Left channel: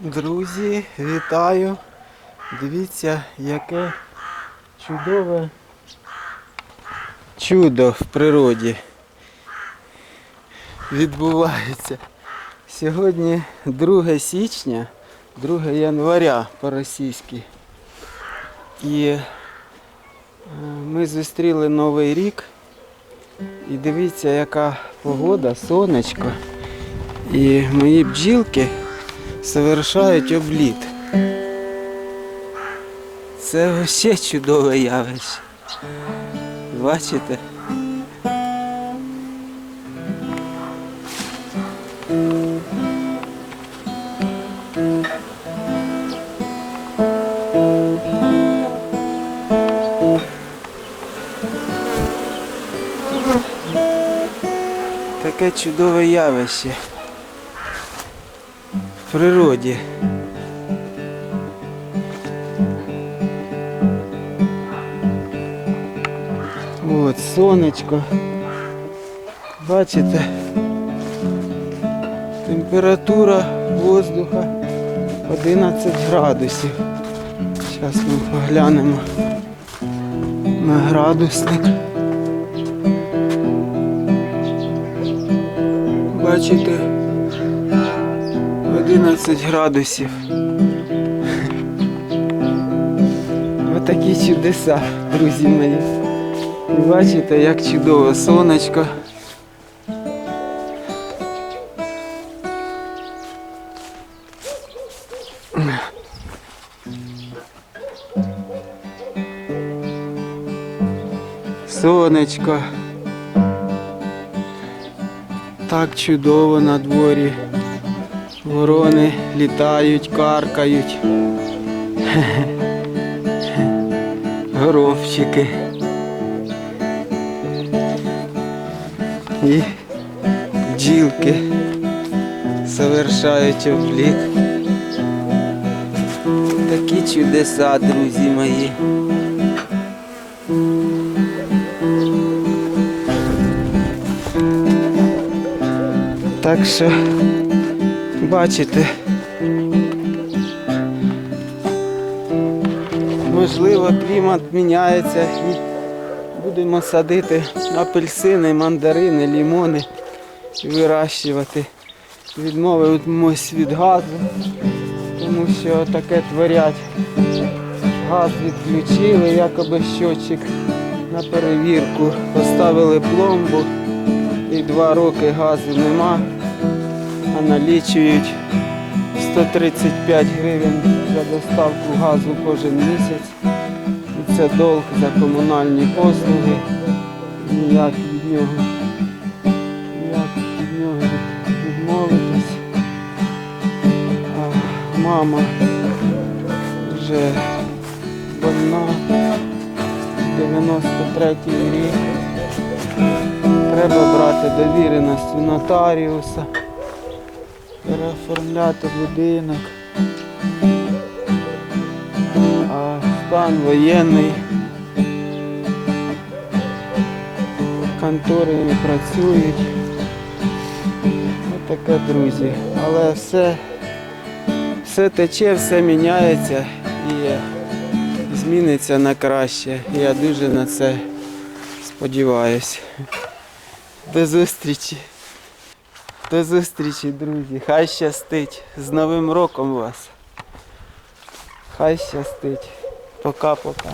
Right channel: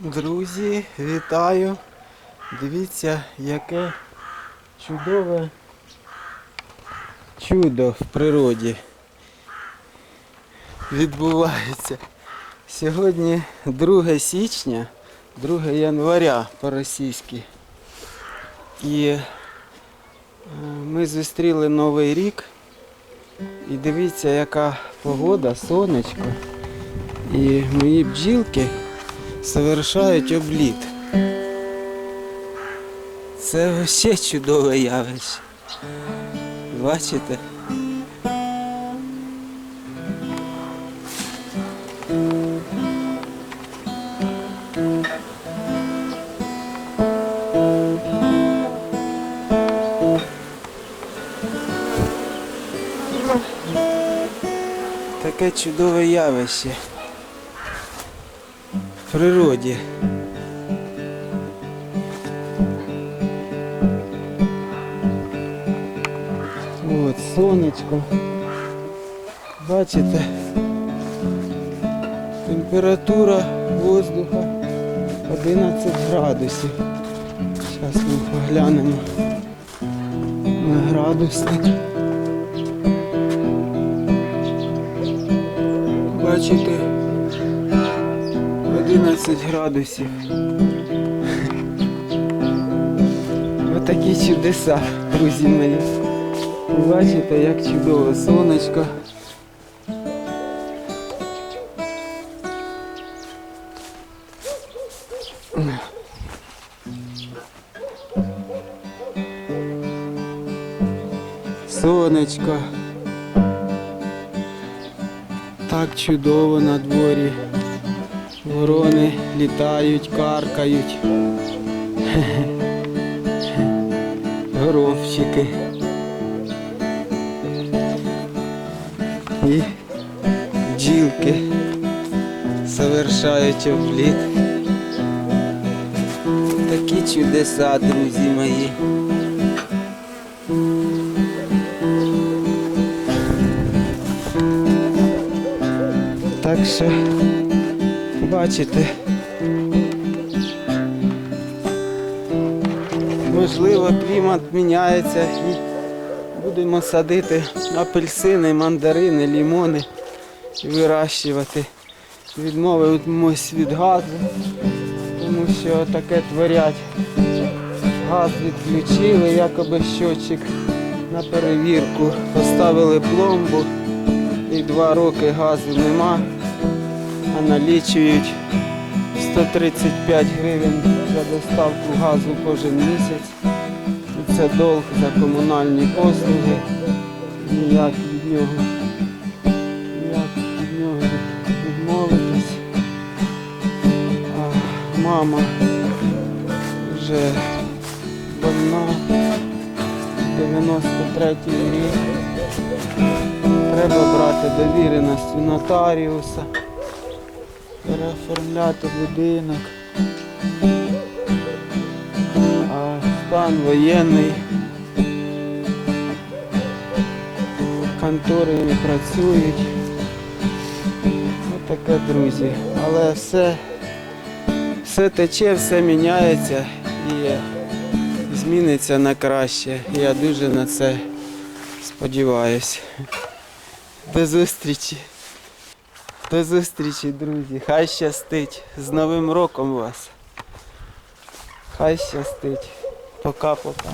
Друзі, вітаю! Дивіться, яке чудове чудо в природі відбувається. Сьогодні 2 січня, 2 января по-російськи. І е, ми зустріли Новий рік. І дивіться, яка погода, сонечко. І мої бджілки совершають обліт. Це ще чудове явище. Бачите? Таке чудове явище природі. От сонечко. Бачите? Температура воздуха 11 градусів. Зараз ми поглянемо на градусник. Бачите? 11 градусів. Отакі чудеса, друзі мої. Бачите, як чудово сонечко. Сонечко. Так чудово на дворі. Ворони літають, каркають. Горобчики. І бджілки совершають обліт. Такі чудеса, друзі мої. Так що бачите, можливо, клімат міняється і будемо садити апельсини, мандарини, лімони і вирощувати. Відмовимось від газу, тому що таке творять. Газ відключили, якоби щотчик на перевірку. Поставили пломбу і два роки газу нема, налічують 135 гривень за доставку газу кожен місяць. І це долг за комунальні послуги. Ніяк від нього, ніяк від нього від- відмовитись. А мама вже больна, 93-й рік. Треба брати довіреність у нотаріуса, переоформляти будинок. А стан воєнний. Контори не працюють. Ось таке, друзі. Але все, все тече, все міняється і зміниться на краще. Я дуже на це сподіваюся. До зустрічі. До зустрічі, друзі. Хай щастить. З Новим роком вас. Хай щастить. Пока-пока.